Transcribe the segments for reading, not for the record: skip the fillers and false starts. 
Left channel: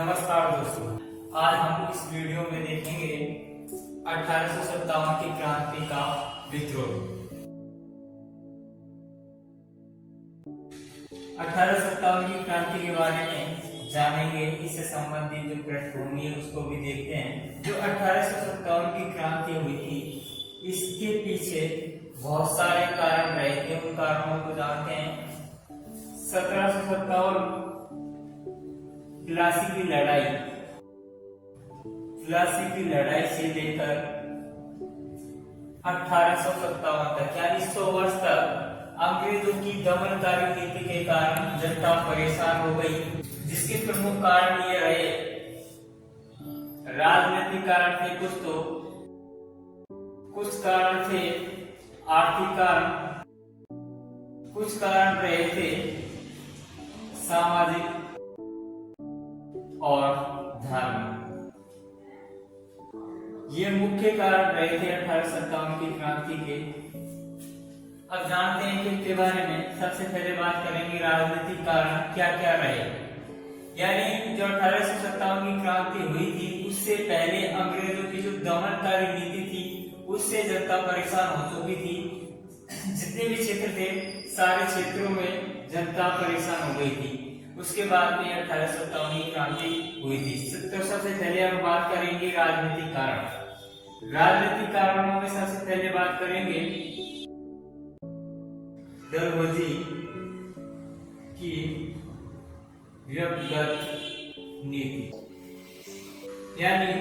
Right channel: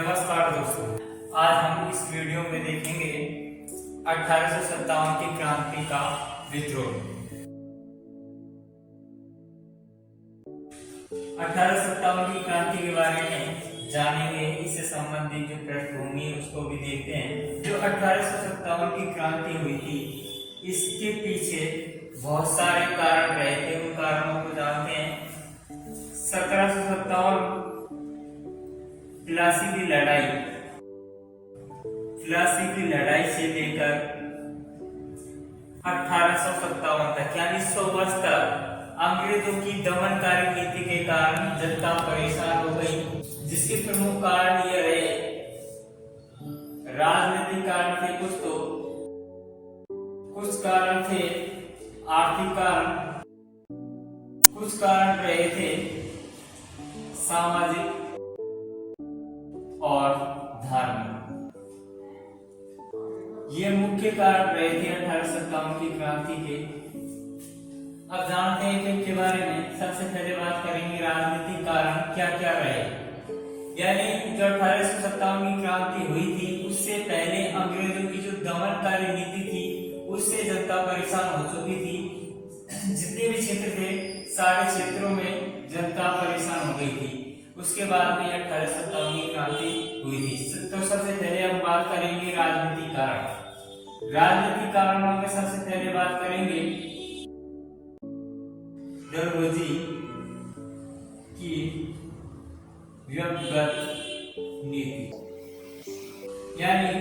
नमस्कार दोस्तों, आज हम इस वीडियो में देखेंगे 1857 की क्रांति का विद्रोह। 1857 की क्रांति के बारे में जानेंगे, इससे संबंधित जो पृष्ठभूमि है उसको भी देखते हैं। जो 1857 की क्रांति हुई थी, इसके पीछे बहुत सारे कारण रहे थे, उन कारणों को जानते हैं। 1757 प्लासी की लड़ाई से लेकर 1857 तक यानी 100 वर्ष तक अंग्रेजों की दमनकारी नीति के कारण जनता परेशान हो गई, जिसके प्रमुख कारण ये रहे। राजनीतिक कारण थे कुछ कारण थे आर्थिक कारण, कुछ कारण रहे थे सामाजिक और धार्मिक। ये मुख्य कारण रहे थे 1857 की क्रांति के। अब जानते हैं कि इनके बारे में। सबसे पहले बात करेंगे राजनीतिक कारण क्या क्या रहे। यानी जो 1857 की क्रांति हुई थी, उससे पहले अंग्रेजों की जो दमनकारी नीति थी, उससे जनता परेशान हो चुकी थी। जितने भी क्षेत्र थे, सारे क्षेत्रों में जनता परेशान हो गई थी। उसके बाद में 1857 की क्रांति हुई थी। तो सबसे पहले हम बात करेंगे राजनीतिक कारण। राजनीतिक कारणों में सबसे पहले बात करेंगे डलहौजी की व्यक्तिगत नीति, यानी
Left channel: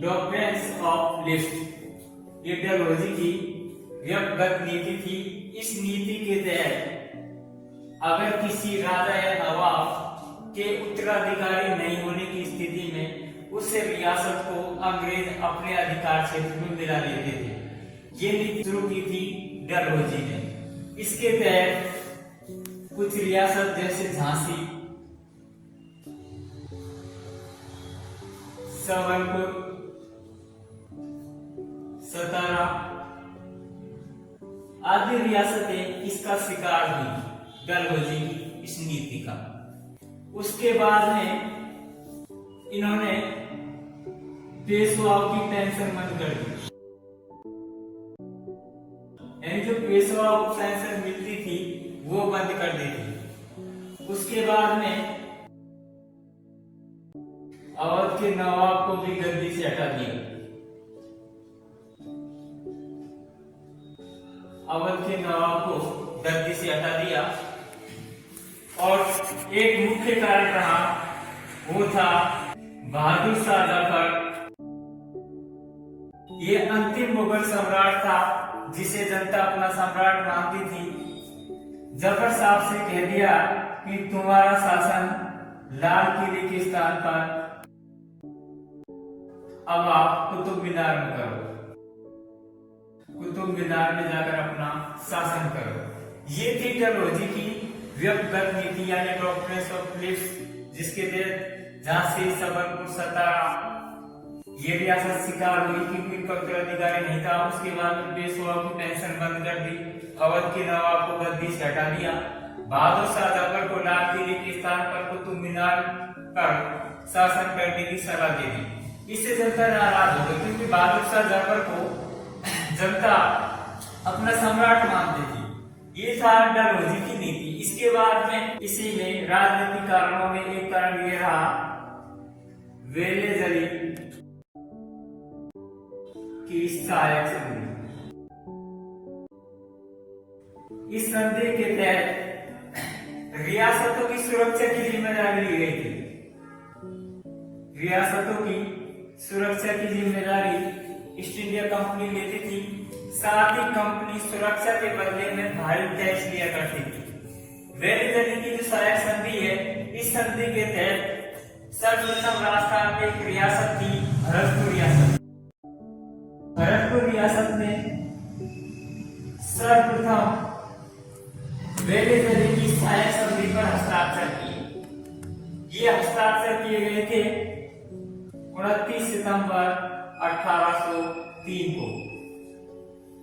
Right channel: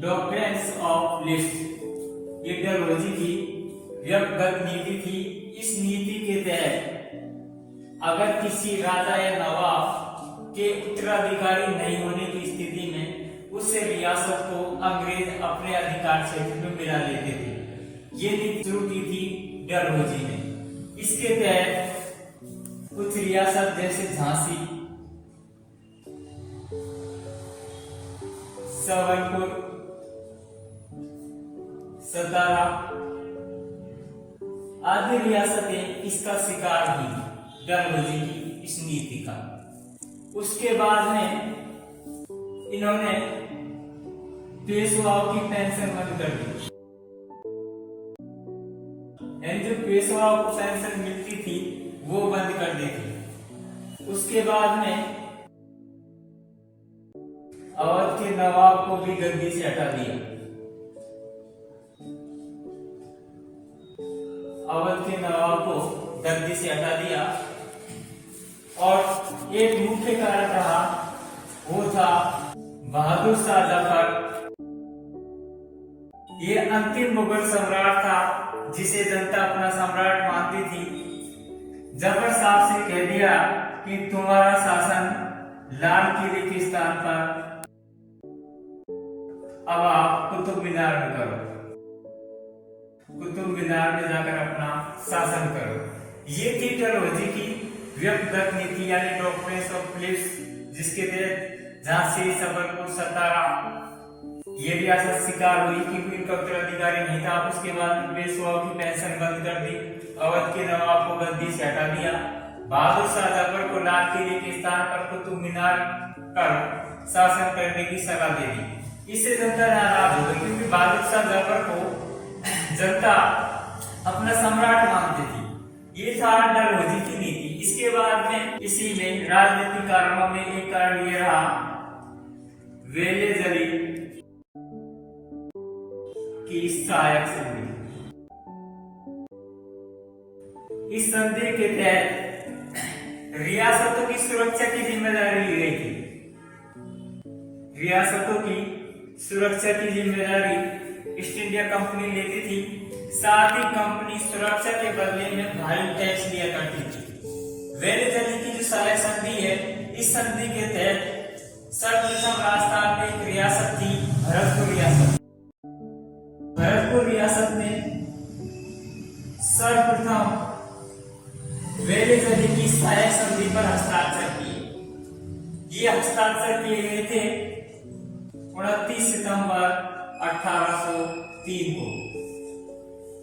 डॉक्ट्रिन्स ऑफ लिस्ट। ये डलहौजी की व्यक्तिगत नीति थी। इस नीति के तहत अगर किसी राजा या नवाब के उत्तराधिकारी नहीं होने की स्थिति में उस रियासत को अंग्रेज अपने अधिकार क्षेत्र में मिला लेते थे। ये नीति शुरू की थी डलहौजी ने। इसके तहत कुछ रियासत जैसे झांसी, सवाईपुर, सतारा आदि रियासतें इसका शिकार हुई डलहौजी की इस नीति का। उसके बाद में इन्होंने पेशवाओं की पेंशन बंद कर दी। यानी जो पेशवाओं को पेंशन मिलती थी वो बंद कर दी थी। उसके बाद में अवध के नवाब को भी गद्दी से हटा दिया। अवध के नवाब को गद्दी से हटा दिया। और एक मुख्य कारण रहा, वो था बहादुर शाह जफर। ये अंतिम मुगल सम्राट था जिसे जनता अपना सम्राट मानती थी। जफर साहब से कह दिया कि तुम्हारा शासन लाल किले के स्थान पर अब आप कुतुब मीनार में करो, कुतुब मीनार में जाकर अपना शासन करो। ये थी डलहौजी की व्यक्तिगत नीति, यानी डॉक्ट्रिन्स ऑफ लिस्ट, जिसके तहत झांसी, सबलपुर, सतारा ये रियासत शिकार हुई क्योंकि इनका उत्तराधिकारी नहीं था। उसके बाद पेशवाओं की पेंशन बंद कर दी। अवध के नवाब को गद्दी से हटा दिया। बहादुर शाह जफर को लाल किले के स्थान पर कुतुब मीनार पर शासन करने की सलाह दे दी। इससे जनता नाराज हो गई क्योंकि बहादुर शाह जफर को जनता अपना सम्राट मानती थी। ये था डलहौजी की नीति। इसके बाद में इसी में राजनीतिक कारणों में एक कारण ये रहा, वेले जली की सहायक संधि। इस संधि के तहत रियासतों की सुरक्षा की जिम्मेदारी ली गई थी। रियासतों की सुरक्षा की जिम्मेदारी ईस्ट इंडिया कंपनी लेती थी। साथ ही कंपनी सुरक्षा के बदले में भारी टैक्स लिया करती थी। वेले जली की जो सहायक संधि है, इस संधि के तहत सर्वप्रथम राजस्थान में एक रियासत थी, भरतपुर रियासत। भरतपुर रियासत में सर्वप्रथम वेले जली की सहायक संधि पर हस्ताक्षर किए। ये हस्ताक्षर किए गए थे 29 सितंबर 1803 को।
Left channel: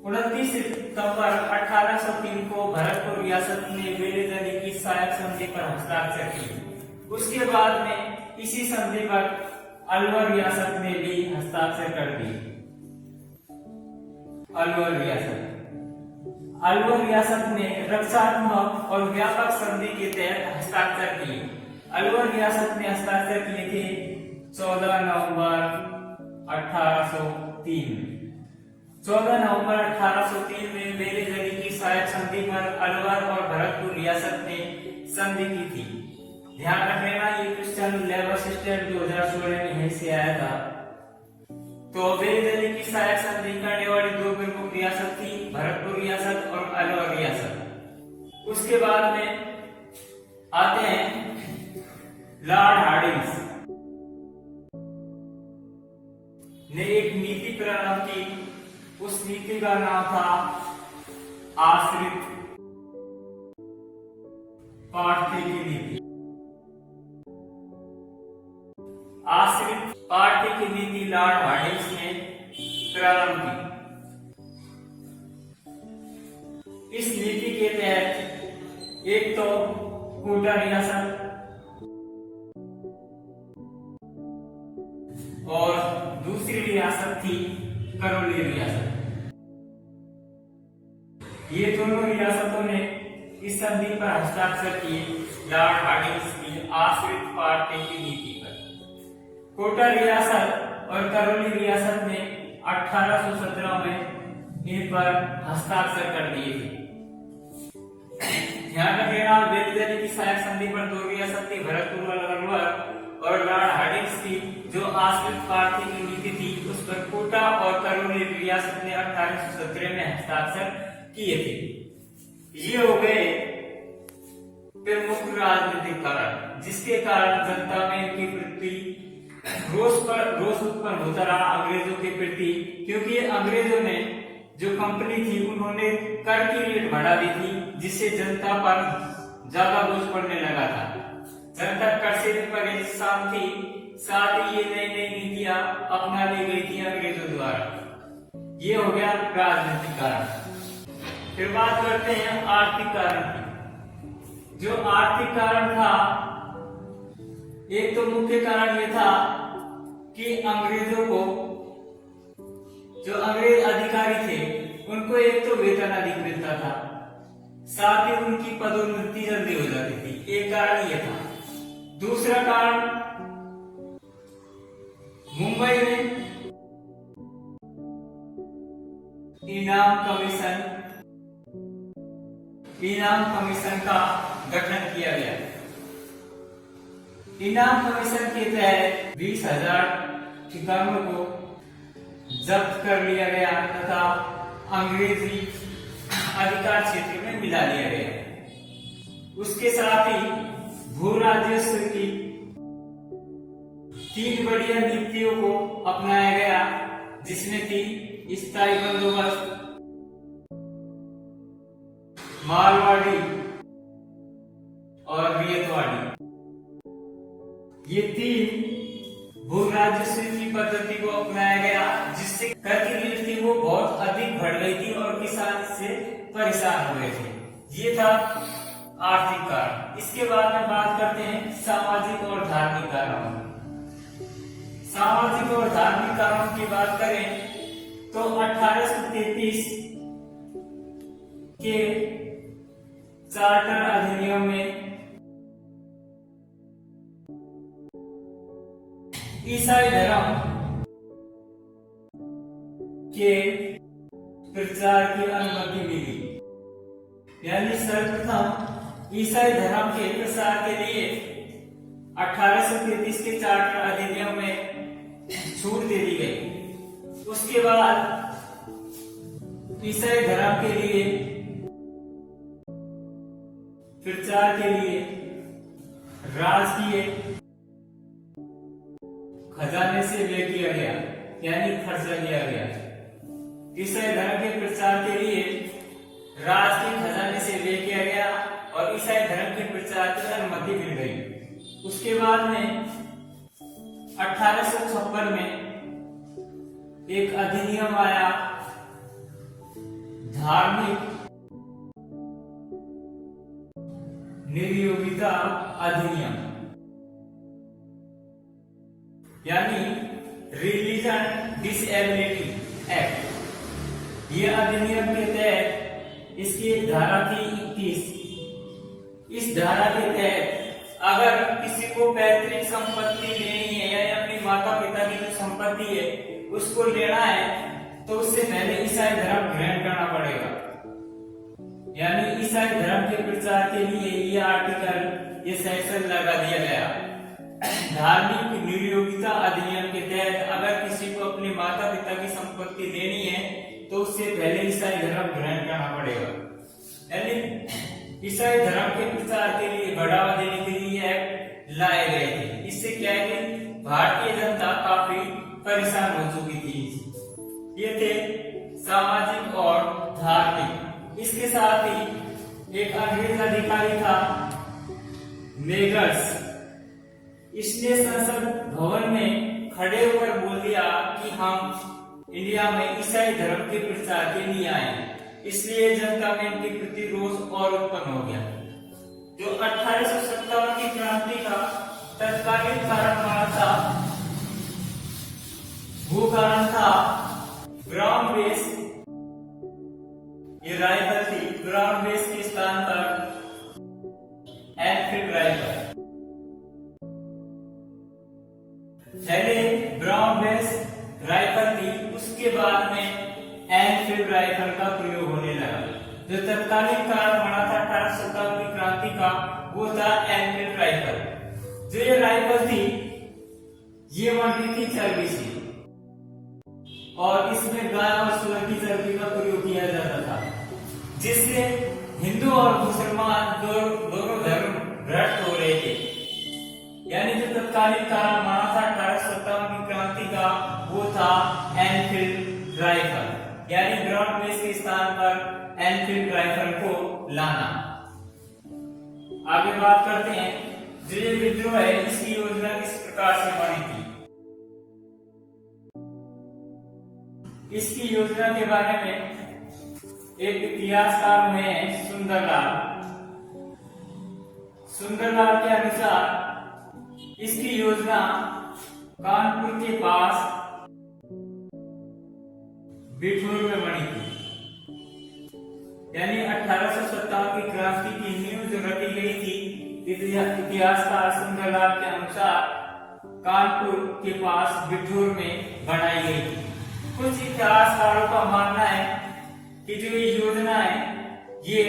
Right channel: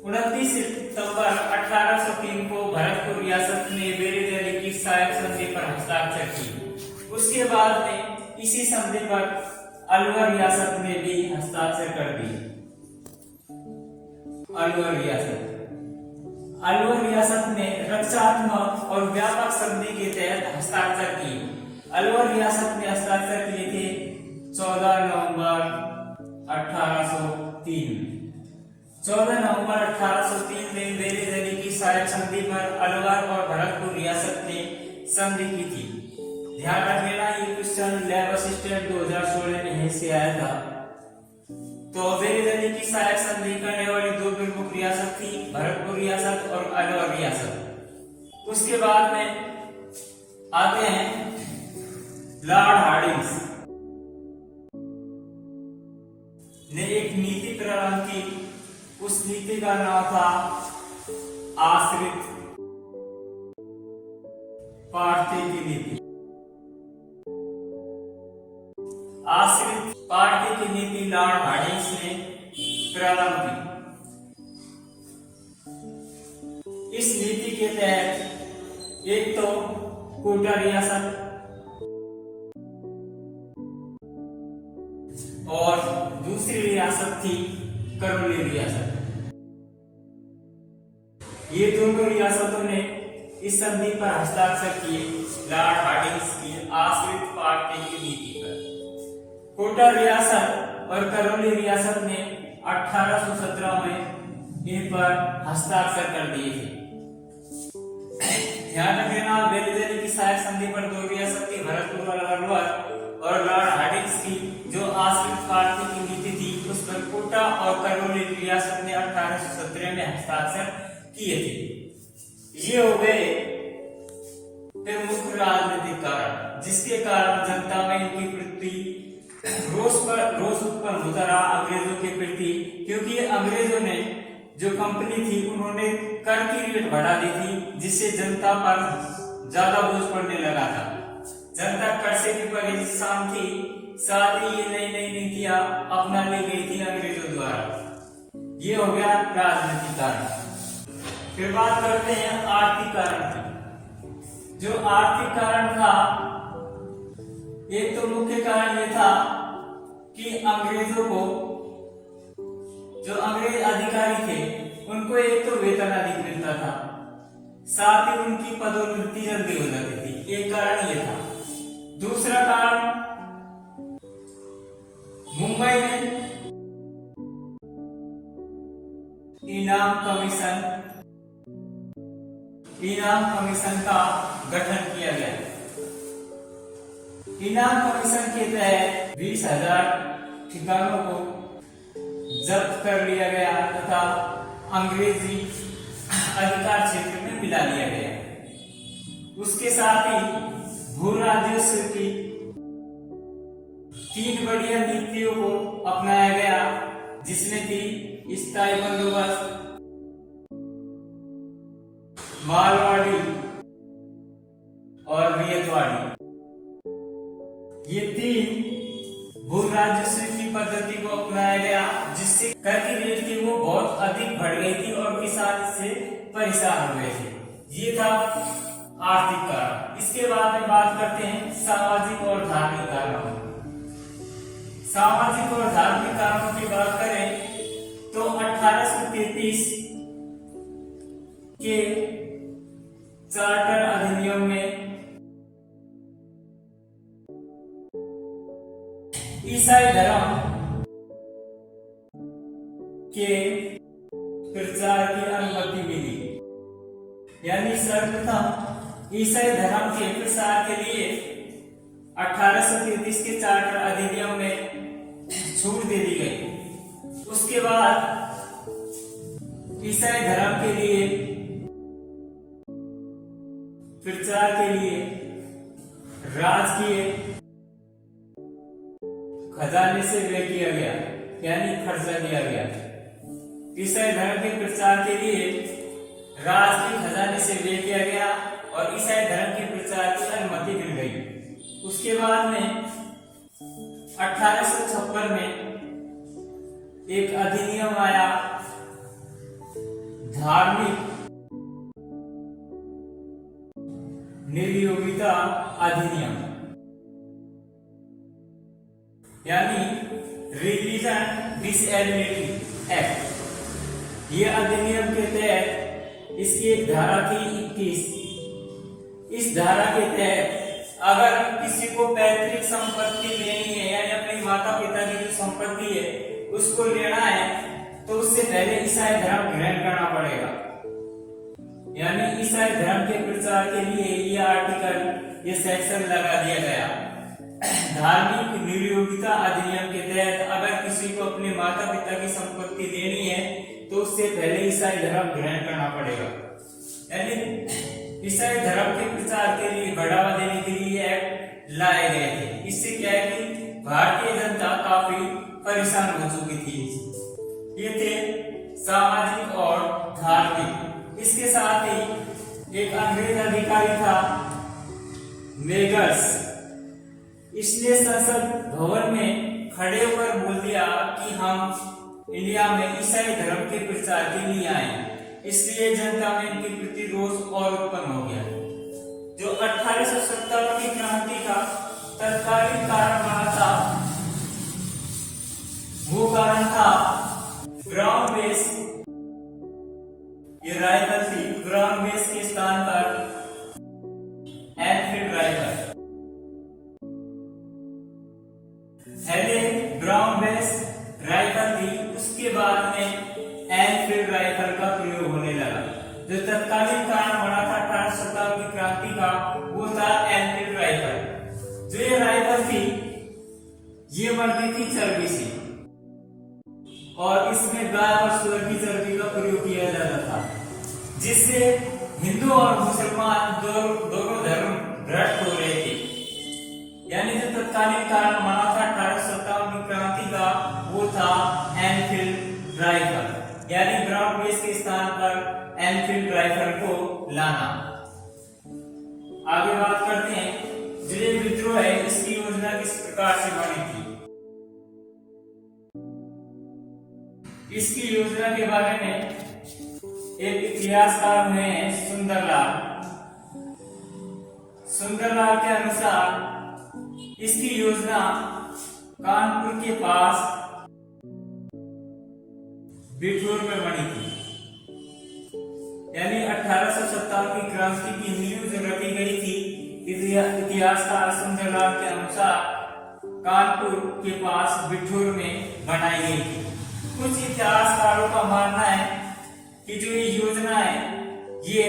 29 सितंबर 1803 को भरतपुर रियासत ने वेले जली की सहायक संधि पर हस्ताक्षर किए। उसके बाद में इसी संधि पर अलवर रियासत ने भी हस्ताक्षर कर दिए। अलवर रियासत ने रक्षात्मक और व्यापक संधि के तहत हस्ताक्षर किए। अलवर रियासत ने हस्ताक्षर किए थे 14 नवंबर 1803 में। 14 नवंबर 1803 में बेले जली की सहायक संधि पर अलवर और भरतपुर रियासत ने संधि की थी। ध्यान रख लेना, ये क्वेश्चन लेवल असिस्टेंट 2016 में यहीं से आया था। तो बेले जली की सहायक संधि करने वाली दो प्रमुख रियासत थी, भरतपुर रियासत और अलवर रियासत। उसके बाद में आते हैं लॉर्ड हार्डिंग्स ने एक नीति प्रारंभ की। उस नीति का नाम था आश्रित पार्थी की नीति। आश्रित पार्थी की नीति लॉर्ड हार्डिंग्स ने प्रारंभ की। इस नीति के तहत एक तो कोटा रियासत और दूसरी रियासत थी करौली रियासत। ये दोनों रियासतों ने इस संधि पर हस्ताक्षर किए लॉर्ड हार्डिंग्स की आश्रित पार्थी की नीति पर। कोटा रियासत और करौली रियासत ने 1817 में इन पर हस्ताक्षर कर दिए थे। ध्यान रखना, बेले जली की सहायक संधि पर दो रियासत थी, भरतपुर और अलवर, और लॉर्ड हार्डिंग्स की जो आश्रित पार्थी की नीति थी उस पर कोटा और करौली रियासत ने 1817 में हस्ताक्षर किए थे। ये हो गए प्रमुख राजनीतिक कारण, जिसके कारण जनता में इनकी प्रति रोष उत्पन्न होता रहा अंग्रेजों के प्रति, क्योंकि अंग्रेजों ने जो कंपनी थी उन्होंने कर की रेट बढ़ा दी थी, जिससे जनता पर ज्यादा बोझ पड़ने लगा था। जनता कर से भी परेशान थी, साथ ही ये नई नई नीतियां अपना ली गई थी अंग्रेजों द्वारा। ये हो गया राजनीतिक कारण। फिर बात करते हैं आर्थिक कारण की। जो आर्थिक कारण था, एक तो मुख्य कारण ये था कि अंग्रेजों को, जो अंग्रेज अधिकारी थे, उनको एक तो वेतन अधिक मिलता था, साथ ही उनकी पदोन्नति जल्दी हो जाती थी। एक कारण ये था। दूसरा कारण, मुंबई में इनाम कमीशन का गठन किया गया। इनाम कमीशन के तहत 20,000 ठिकानों को जब्त कर लिया गया तथा अंग्रेजी अधिकार क्षेत्र में मिला लिया गया। उसके साथ ही भू राजस्व की 3 बढ़िया नीतियों को अपनाया गया, जिसमें थी स्थायी बंदोबस्त, मालवाड़ी और रियतवाड़ी। ये 3 भू राजस्व की पद्धति को अपनाया गया, जिससे कर की रेट थी वो बहुत अधिक बढ़ गई थी और किसान इससे परेशान हो गए थे। ये था आर्थिक कारण। इसके बाद में बात करते हैं सामाजिक और धार्मिक कारणों। सामाजिक और धार्मिक कारणों की बात करें तो 1833 के चार्टर अधिनियम में ईसाई धर्म के प्रचार की अनुमति मिली। यानी सर्वप्रथम ईसाई धर्म के प्रसार के लिए 1833 के चार्टर अधिनियम में छूट दे दी गई। उसके बाद ईसाई धर्म के लिए प्रचार के लिए राजकीय खजाने से व्यय किया गया, यानी खर्चा किया गया। ईसाई धर्म के प्रचार के लिए राजकीय खजाने से व्यय किया गया और ईसाई धर्म के प्रचार की अनुमति मिल गई। उसके बाद में 1856 में एक अधिनियम आया, धार्मिक निर्योगिता अधिनियम। Disability act. ये अधिनियम के तहत इसकी धारा थी 21। इस धारा के तहत अगर किसी को पैतृक संपत्ति लेनी है या अपने माता पिता की जो संपत्ति है उसको लेना है तो उससे पहले ईसाई धर्म ग्रहण करना पड़ेगा। यानी ईसाई धर्म के प्रचार के लिए ये आर्टिकल, ये सेक्शन लगा दिया गया। धार्मिक नियोगिता अधिनियम के तहत अगर किसी को अपने माता पिता की संपत्ति लेनी है तो उससे पहले ईसाई धर्म ग्रहण करना पड़ेगा। यानी ईसाई धर्म के प्रचार के लिए बढ़ावा देने के लिए एक्ट लाए गए थे। इससे क्या है कि भारतीय जनता काफी परेशान हो चुकी थी। ये थे सामाजिक और धार्मिक। इसके साथ ही एक अंग्रेज अधिकारी था मेगर्स, इसने संसद भवन में खड़े होकर बोल दिया कि हम इंडिया में ईसाई धर्म के प्रचार के लिए आए, इसलिए जनता में इनके प्रति रोष और उत्पन्न हो गया। जो 1857 की क्रांति का तत्कालीन कारण बना था वो कारण था ग्राउंड बेस। ये राइफल थी, ग्राउंड बेस के स्थान पर एनफील्ड राइफल। पहले ग्राउंड बेस राइफल थी, उसके बाद में एनफील्ड राइफल का प्रयोग होने लगा। जो तत्कालीन कारण बना था 1857 की क्रांति का वो था एनफील्ड राइफल। जो ये राइफल थी ये बनती थी चर्बी से और इसमें गाय और सूअर की चर्बी का प्रयोग किया जाता था, जिससे हिंदू और मुसलमान दोनों धर्म भ्रष्ट हो रहे थे। यानी जो तत्कालीन कारण बना था 1857 की क्रांति का वो था एनफील्ड राइफल, यानी ग्राउंड बेस के स्थान पर एनफील्ड राइफल को लाना। आगे बात करते हैं जो ये विद्रोह है इसकी योजना किस प्रकार से बनी थी। इसकी योजना के बारे में एक इतिहासकार हुए हैं सुंदरलाल। सुंदरलाल के अनुसार इसकी योजना कानपुर के पास बिठूर में बनी थी। यानी 1857 की क्रांति की नींव जो रखी गई थी इतिहासकार सुंदरलाल के अनुसार कानपुर के पास बिठूर में बनाई गई थी। कुछ इतिहासकारों का मानना है कि जो ये योजना है ये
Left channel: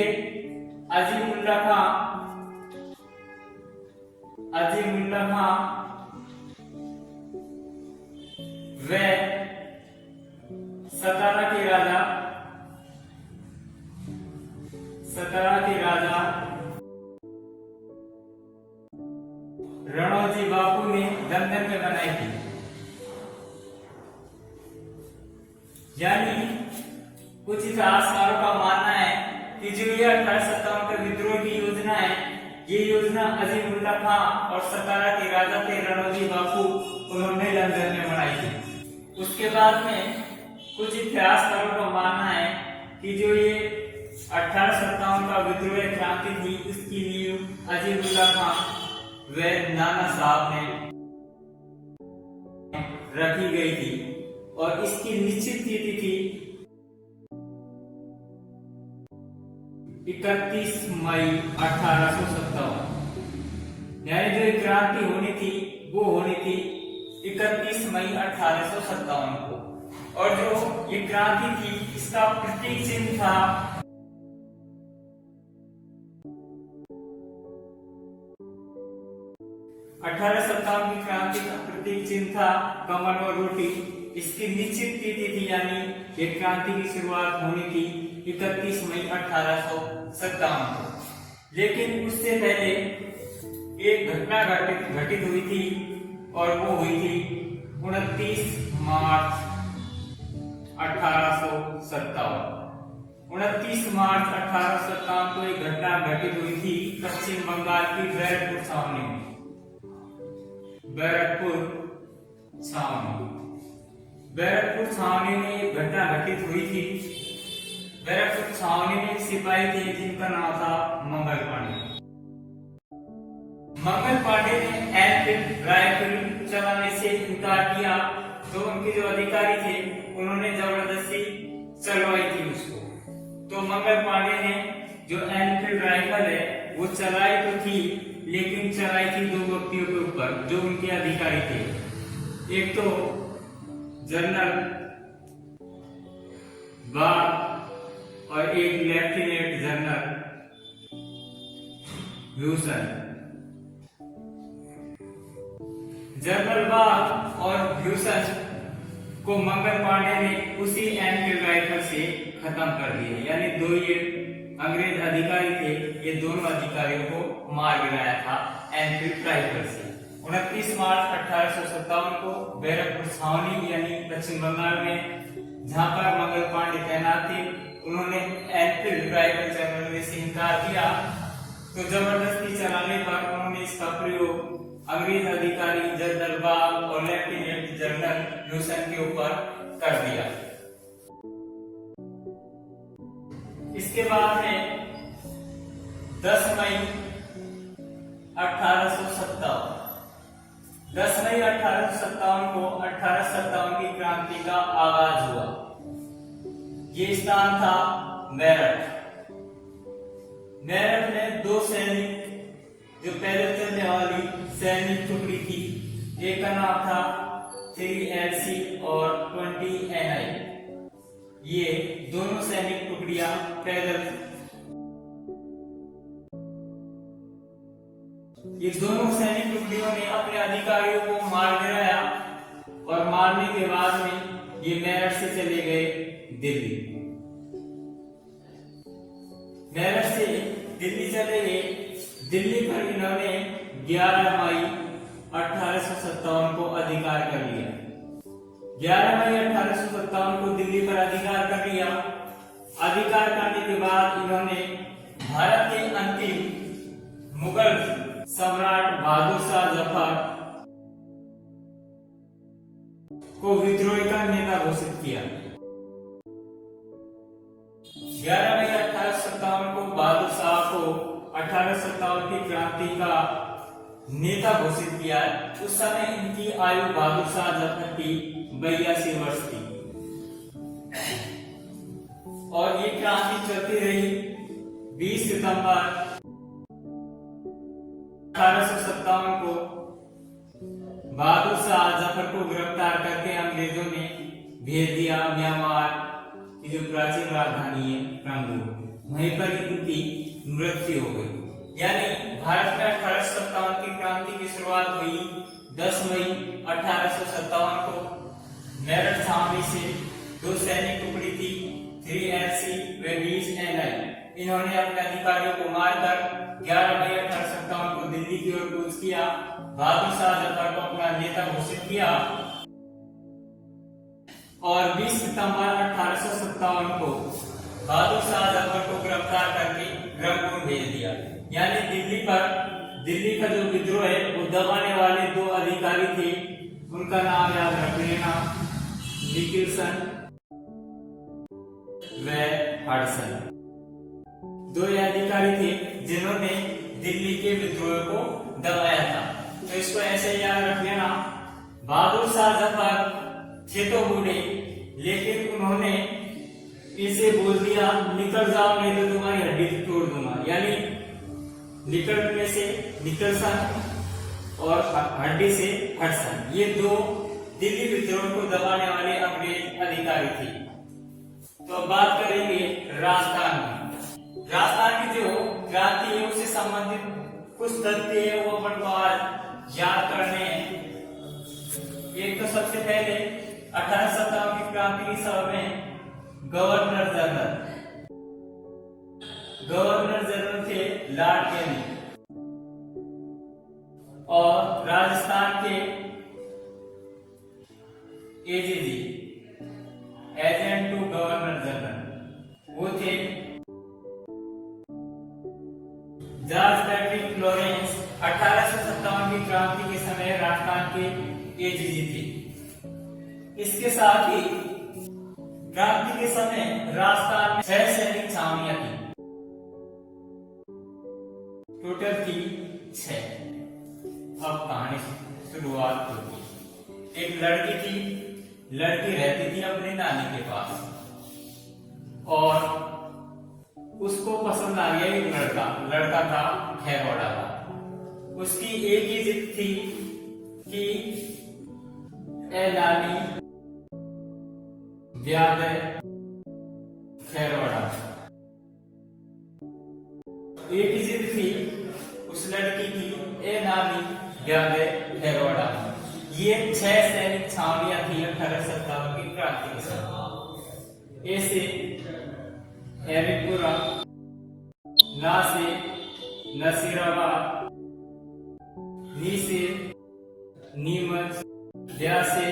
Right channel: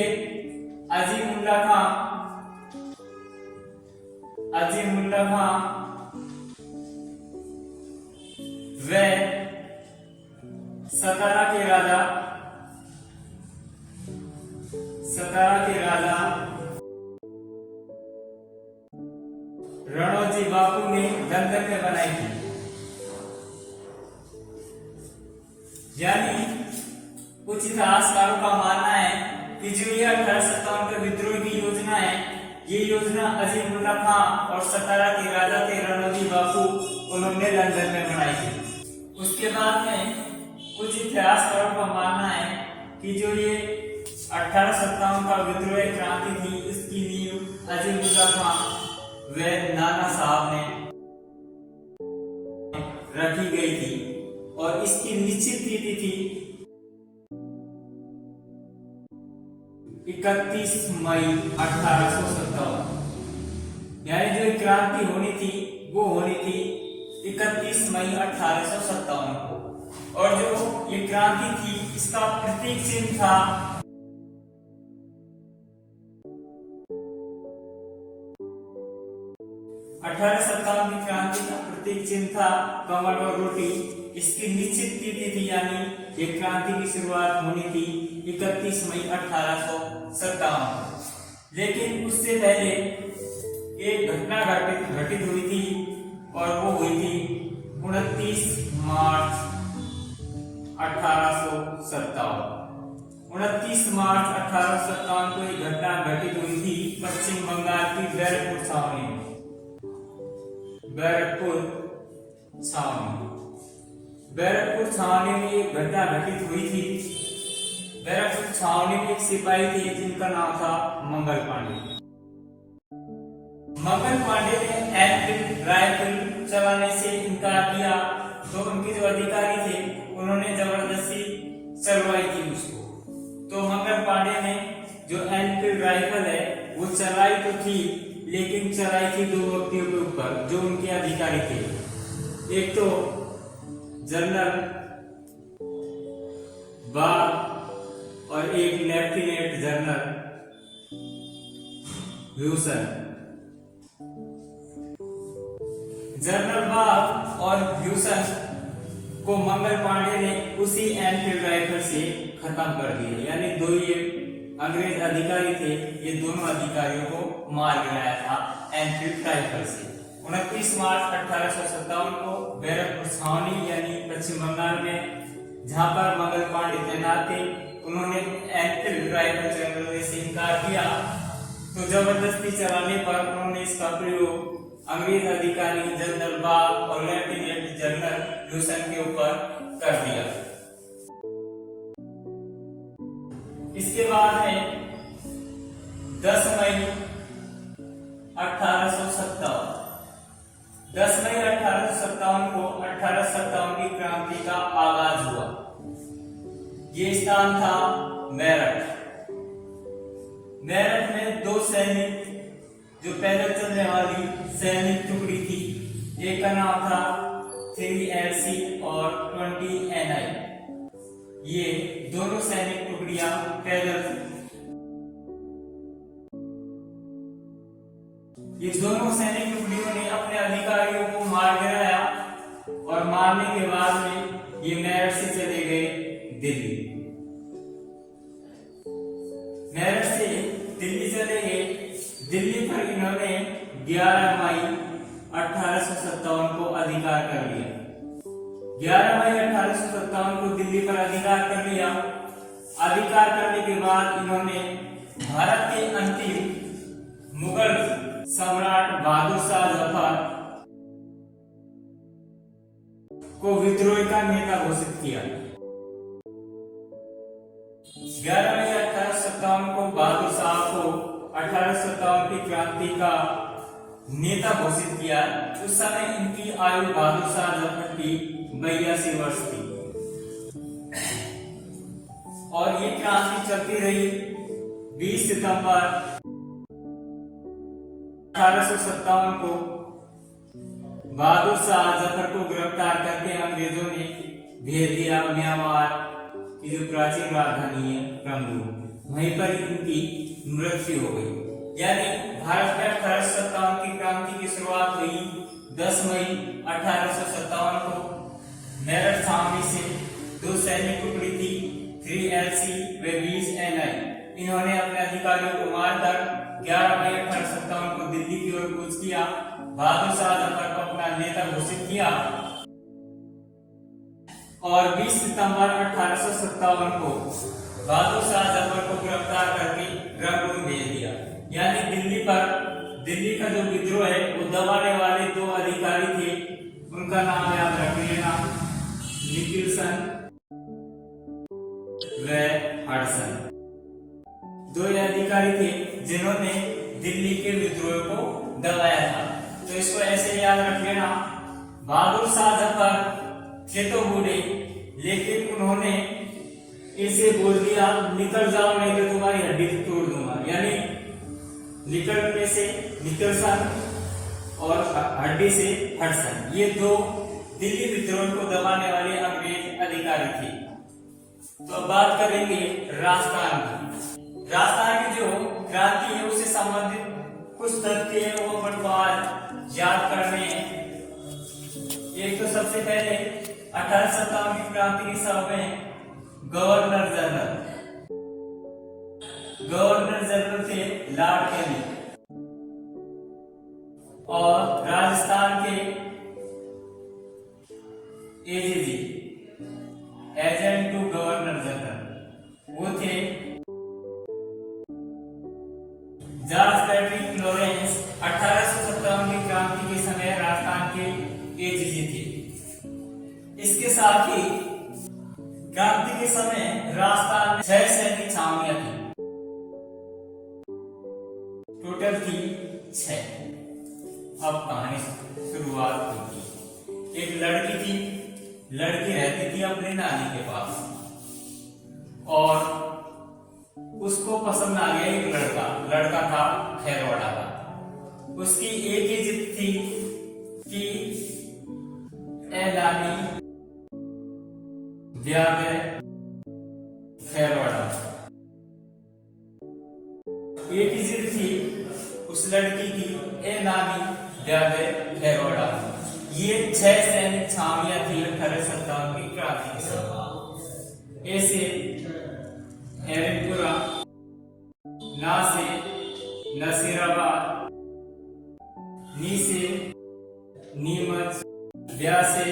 अजीमुल्ला खां व सतारा के राजा रणोजी बापू ने लंदन में बनाई थी। यानी कुछ इतिहासकारों का मानना है कि जो ये 1857 का विद्रोह की योजना है ये योजना अजीमुल्ला खां और सतारा के राजा थे रणोजी बापू, उन्होंने लंदन में बनाई थी। उसके बाद में कुछ इतिहासकारों का मानना है कि जो ये 1857 का विद्रोह क्रांति थी उसकी नींव अजीमुल्ला खां व नाना साहब ने रखी गई थी और इसकी निश्चित तिथि थी 31 मई 1857। यानी जो क्रांति होनी थी वो होनी थी 31 मई 1857 को। और जो ये क्रांति थी इसका प्रतीक चिन्ह था की क्रांति का प्रतीक चिन्ह था कमल और रोटी। इसकी निश्चित तिथि थी यानी ये क्रांति की शुरुआत होनी थी 31 मई 1857। लेकिन उससे पहले एक घटना घटित हुई थी और वो हुई थी 29 मार्च 1857। 29 मार्च 1857 को एक घटना घटित हुई थी पश्चिम बंगाल की बैरकपुर छावनी में। बैरकपुर छावनी में एक घटना घटित हुई थी। बैरकपुर छावनी में एक सिपाही थे जिनका नाम था मंगल पांडे। मंगल पांडे ने एनफील्ड राइफल चलाने से इनकार किया तो उनके जो अधिकारी थे उन्होंने जबरदस्ती चलवाई थी उसको। तो मंगल पांडे ने जो एनफील्ड राइफल है वो चलाई तो थी, लेकिन चलाई थी दो व्यक्तियों के ऊपर जो उनके अधिकारी थे। एक तो जनरल बाग और एक लेफ्टिनेंट जनरल ह्यूसन। जनरल बाग और ह्यूसन को मंगल पांडे ने उसी एनफील्ड राइफल से खत्म कर दिया। यानी दो ये अंग्रेज अधिकारी थे, ये दोनों अधिकारियों को मार गिराया था एनफील्ड राइफल से। 29 मार्च 1857 को बैरकपुर छावनी यानी पश्चिम बंगाल में, जहां पर मंगल पांडे तैनात थे, उन्होंने एनफील्ड राइफल चलाने से इनकार किया। तो जबरदस्ती चलाने पर उन्होंने इसका प्रयोग अंग्रेज अधिकारी जनरल बाग और लेफ्टिनेंट जनरल ह्यूसन के ऊपर कर दिया। इसके बाद में 10 मई 1857 को 1857 की क्रांति का आगाज हुआ। ये स्थान था मेरठ। मेरठ में दो सैनिक जो पैदल चलने वाली सैनिक टुकड़ी थी, एक का नाम था 3LC और 20NI। ये दोनों सैनिक टुकड़ियां पैदल थी। ये दोनों सैनिक टुकड़ियों ने अपने अधिकारियों को मार गिराया और मारने के बाद में ये मेरठ से चले गए दिल्ली। मेरठ से दिल्ली चले गए। दिल्ली पर इन्होंने 11 मई 1857 को अधिकार कर लिया। 11 मई 1857 को दिल्ली पर अधिकार कर लिया। अधिकार करने के बाद इन्होंने भारत के अंतिम मुगल सम्राट बहादुर शाह जफर को विद्रोह का नेता घोषित किया। 11 मई 1857 को बहादुर शाह को 1857 की क्रांति का नेता घोषित किया। उस समय इनकी आयु बहादुर शाह जफर की 82 वर्ष थी और ये क्रांति चलती रही। 20 सितंबर 1857 को बहादुर शाह जफर को गिरफ्तार करके अंग्रेजों ने भेज दिया म्यांमार की जो प्राचीन राजधानी है रंगून। वहीं पर इनकी मृत्यु हो गई। यानी भारत में 1857 की क्रांति की शुरुआत हुई 10 मई 1857 को। मेरठ छावनी से दो सैनिक टुकड़ी थी 3LC व 20NI। इन्होंने अपने अधिकारियों को मारकर 11 मई 1857 को दिल्ली की ओर कूच किया। बहादुर शाह जफर को अपना नेता घोषित किया और 20 सितंबर 1857 को बहादुर शाह जफर को गिरफ्तार करके रंगून भेज दिया। यानी दिल्ली का जो विद्रोह है वो दबाने वाले दो अधिकारी थे, उनका नाम याद रख लेना, निकिल्सन व हडसन। दो अधिकारी थे जिन्होंने दिल्ली के विद्रोह को दबाया था। तो इसको ऐसे याद रख लेना। बहादुर शाह जफर थे तो बूढ़े, लेकिन उन्होंने इसे बोल दिया निकल जाओ नहीं तो तुम्हारी हड्डी तोड़ दूंगा। यानी निकलने से निकल्सन और हड्डी से हडसन, ये दो दिल्ली विद्रोह को दबाने वाले अंग्रेज अधिकारी थे। तो अब बात करेंगे राजस्थान की। राजस्थान की जो क्रांति है उससे संबंधित कुछ तथ्य है वो अपन याद करने हैं। एक तो सबसे पहले 1857 की क्रांति की सभा में गवर्नर जनरल थे लॉर्ड कैनिंग और राजस्थान के AGG agent to governor general वो थे जॉर्ज पैट्रिक लॉरेंस। 1857 की क्रांति के समय राजस्थान के एजीजी थे। इसके साथ ही क्रांति के समय राजस्थान में 6 सैनिक छावनियां थी, टोटल थी 6। अब कहानी शुरुआत होती है। एक लड़की थी लड़की रहती थी अपने नानी के पास और उसको पसंद आ गया एक लड़का था खैरवाड़ा का। उसकी एक ही जिद थी कि ए नानी ब्याह है खैरवाड़ा। एक ही जिद थी उस लड़की की, ए नानी ब्याह है खैरवाड़ा। ये 6 सैनिक छावनियां थी 1857 की क्रांति के समय। ए से हैरिपुरा, ना से नसीराबाद, नी से नीमच, ब्या से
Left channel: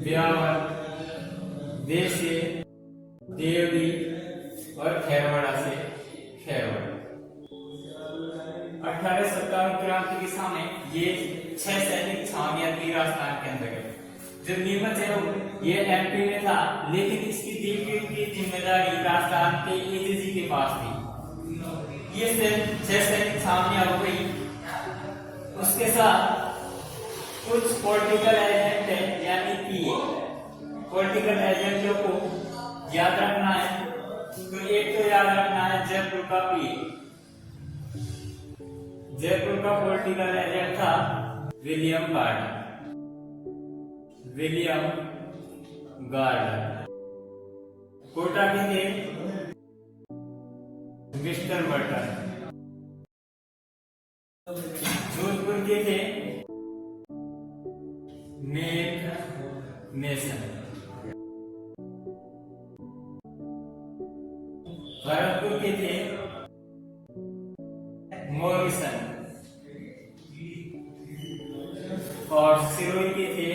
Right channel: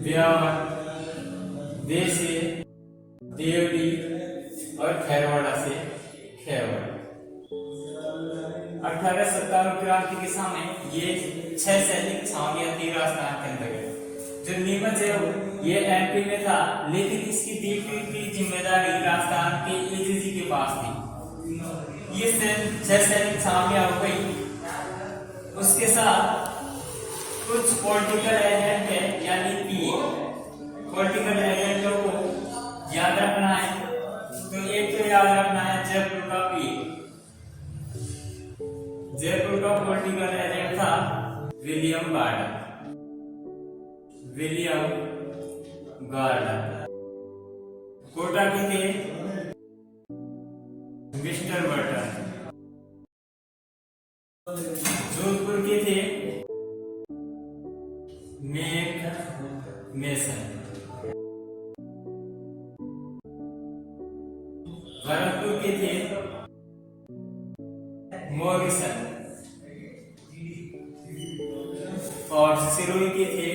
ब्यावर, दे से देवली और खैरवाड़ा से खैरवाड़ा। 1857 क्रांति के समय ये 6 सैनिक छावनियां थी राजस्थान के अंतर्गत। जो नीमच है ये एमपी में था, लेकिन इसकी देखरेख की जिम्मेदारी राजस्थान के एजीजी के पास थी। ये 6 सैनिक छावनियां हो गई। उसके साथ कुछ पॉलिटिकल एजेंट है यानी पीए। पॉलिटिकल एजेंटों को याद रखना है, तो एक तो याद रखना है जयपुर का पीए। जयपुर का पॉलिटिकल एजेंट था विलियम गार्डन। कोटा के थे मिस्टर बर्टन। जोधपुर के थे मेक मेसन। भरतपुर के थे मॉरिसन और सिरोही के थे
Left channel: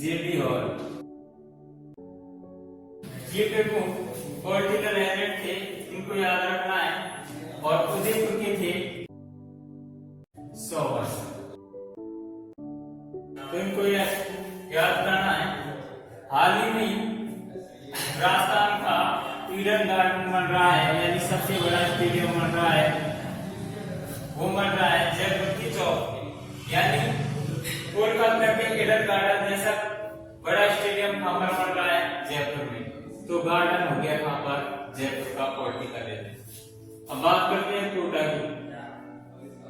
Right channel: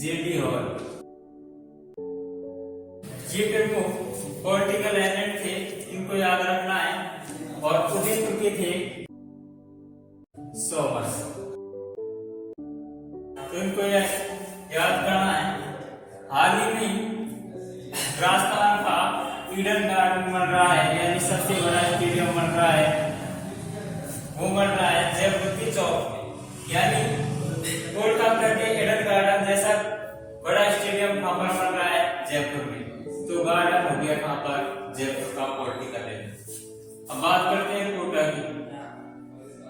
जेबी हॉल। ये प्रमुख पॉलिटिकल एजेंट थे, इनको याद रखना है। और उदयपुर के थे सोवर्स, तो इनको याद करना है। हाल ही में राजस्थान का ईडन गार्डन बन रहा है, यानी सबसे बड़ा स्टेडियम बन रहा है। वो बन रहा है जयपुर की चौक में, यानी कोलकाता के ईडन गार्डन जैसा बड़ा स्टेडियम कहां पर बन रहा है? जयपुर में। तो गार्डन हो गया कहां पर? जयपुर का पॉलिटिकल एरिया। अब बात करते हैं कोटा की।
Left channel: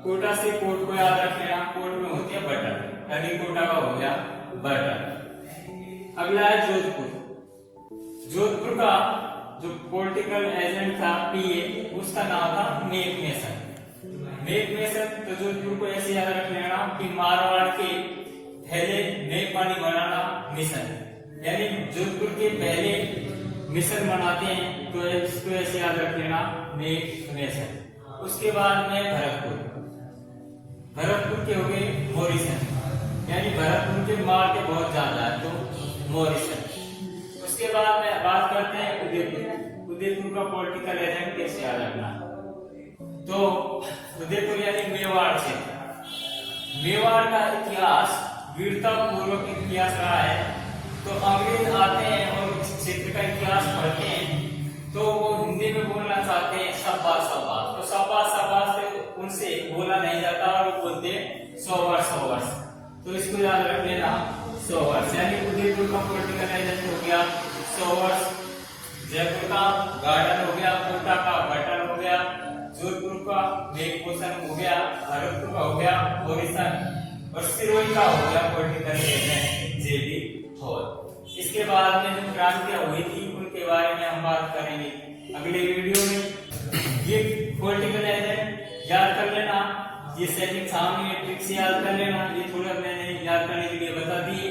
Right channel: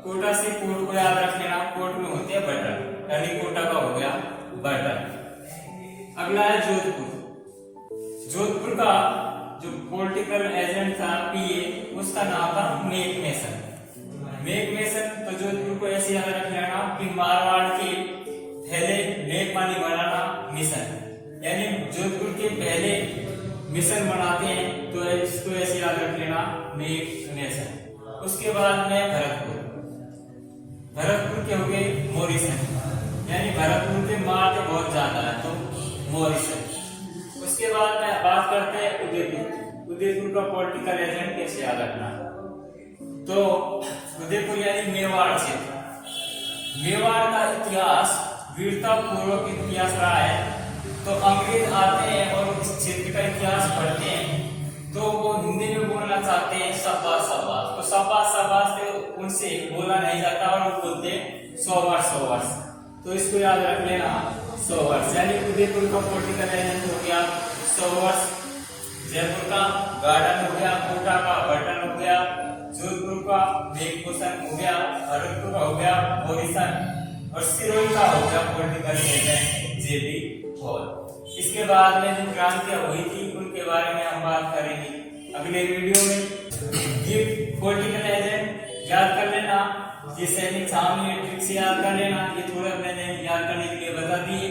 कोटा से कोर्ट को याद रख लेना, कोर्ट में होती है बटन, यानी कोटा का हो गया बटन। अगला है जोधपुर। जोधपुर का जो पॉलिटिकल एजेंट था पीए, उसका नाम था मेक मेसन। मेक मेसन, तो जोधपुर को ऐसे याद रख लेना कि मारवाड़ के पहले मेक पानी बनाना मिशन, यानी जोधपुर के पहले मिशन बनाते हैं, तो इसको ऐसे याद रख लेना मेक मेसन। उसके बाद में भरतपुर के हो गए मॉरिसन, यानी भरतपुर के मारते बहुत ज्यादा है तो मॉरिसन। उसके बाद में बात करते हैं उदयपुर। उदयपुर का पॉलिटिकल एजेंट कैसे याद रखना? तो उदयपुर यानी मेवाड़ क्षेत्र। मेवाड़ का इतिहास वीरता पूर्वक इतिहास रहा है। तो अंग्रेज आते हैं और इस क्षेत्र का इतिहास पढ़ते हैं, तो वो हिंदी में बोलना चाहते हैं शाबाश शाबाश, तो शाबाश शाबाश से उनसे बोला नहीं जाता और वो बोलते सोवर्स। तो इसको याद रख लेना सोवर्स, यानी उदयपुर का पॉलिटिकल एजेंट हो गया सोवर्स, जयपुर का गार्डन हो गया, कोटा का बटन हो गया, जोधपुर का मेकमेसन हो गया, भरतपुर का हो गया मॉरिसन, और सिरोही का हो गया पॉलिटिकल एजेंट जेबी हॉल। इसके बाद में जो क्रांतियां हुई थी उनके बारे में हम बात करेंगे अगले वीडियो में। ये पॉलिटिकल एजेंट याद कर लेना, ये सैनिक छावनी ट्रिक से याद कर लेना, ये थोड़ा मैंने याद करने के लिए बता दिए।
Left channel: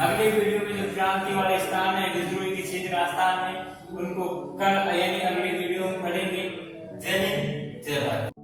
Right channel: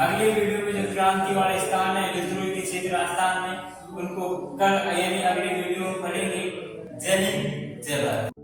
अगले वीडियो में जो क्रांति वाले स्थान है, विद्रोही के क्षेत्र राजस्थान में, उनको कल यानी अगले वीडियो में पढ़ेंगे। जय हिंद, जय भारत।